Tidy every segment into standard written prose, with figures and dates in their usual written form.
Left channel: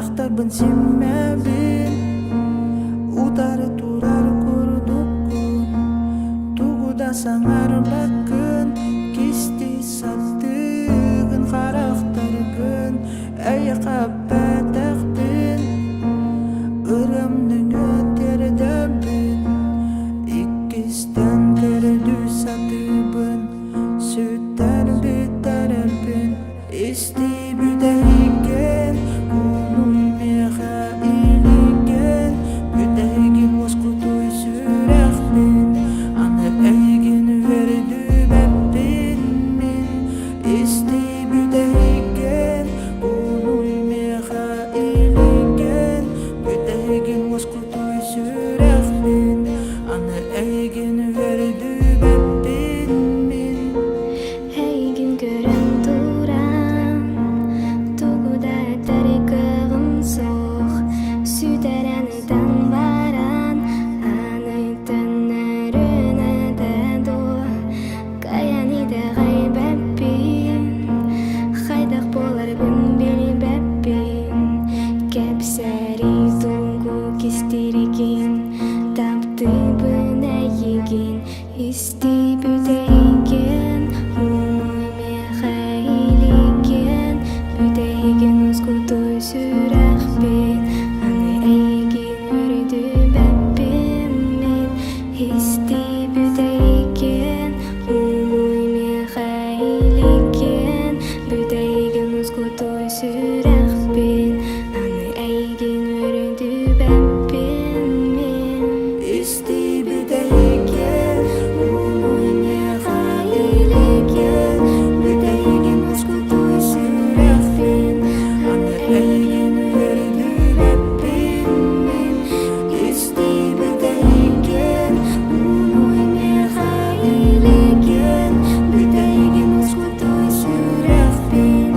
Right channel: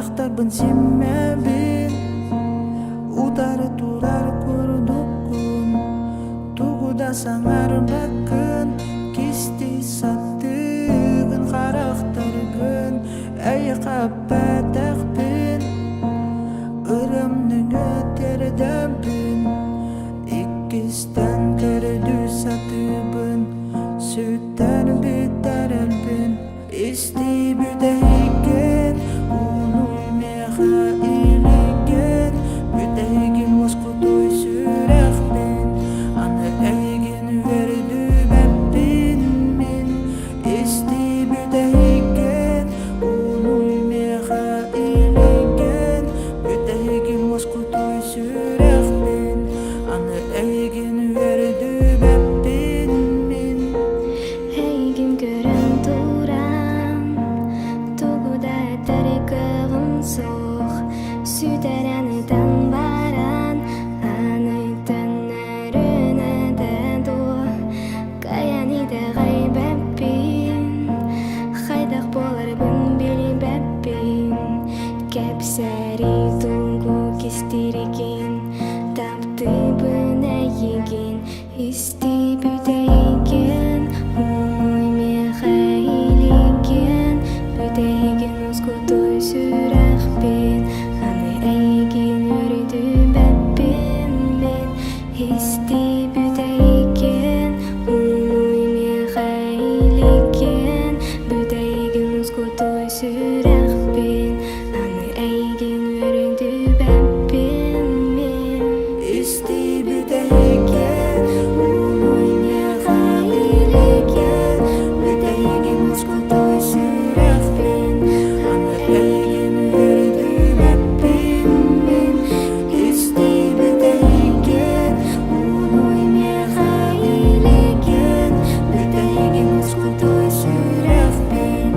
карактарбын симмебин утары турар курдуккун тугуда саңар баккын кисти саттыгын карактаргын әй каппатакпин ырымның өтердебин иккистен көрдү сатыбын сүттен биттер элбин исти бүтейген унуй меха илиген бүтейген воскутой сүрехпин аны эйген вердү беппин мин исти бүтейген унуй меха илиген бүтейген воскутой сүрехпин аны эйген вердү беппин мин Эйген көрөн турам тугуда тарикыгым сох сүтәрәнитен баран анытын әрөнәдә ду каяниде гайбәппин хайдак боларбын билбәппин кәпсәри тугу кистиригин таптыбын әйеген исти бүтейген унуй мехайлиген бүтейген ускутой сүрәхпин аны әйген өрдү бәппин мен исти бүтейген унуй мехайлиген бүтейген ускутой сүрәхпин аны әйген өрдү бәппин мен исти бүтейген унуй меха илиген бүтейген воскутой сүрехпин аны эйген вердү беппин мин исти бүтейген унуй меха илиген бүтейген воскутой сүрехпин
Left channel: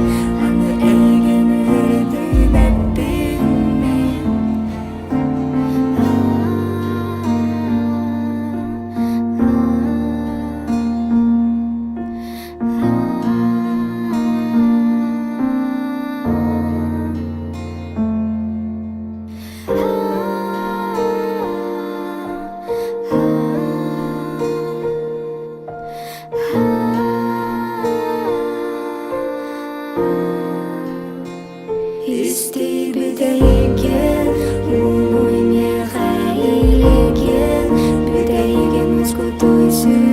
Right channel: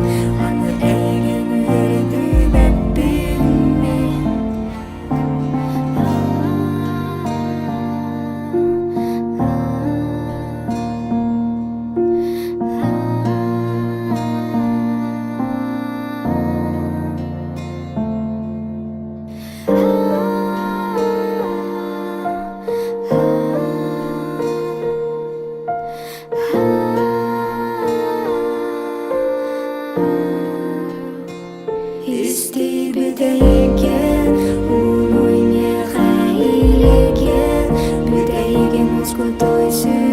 аны эйген вердү беппин мин исти бүтейген унуй меха илиген бүтейген воскутой сүрехпин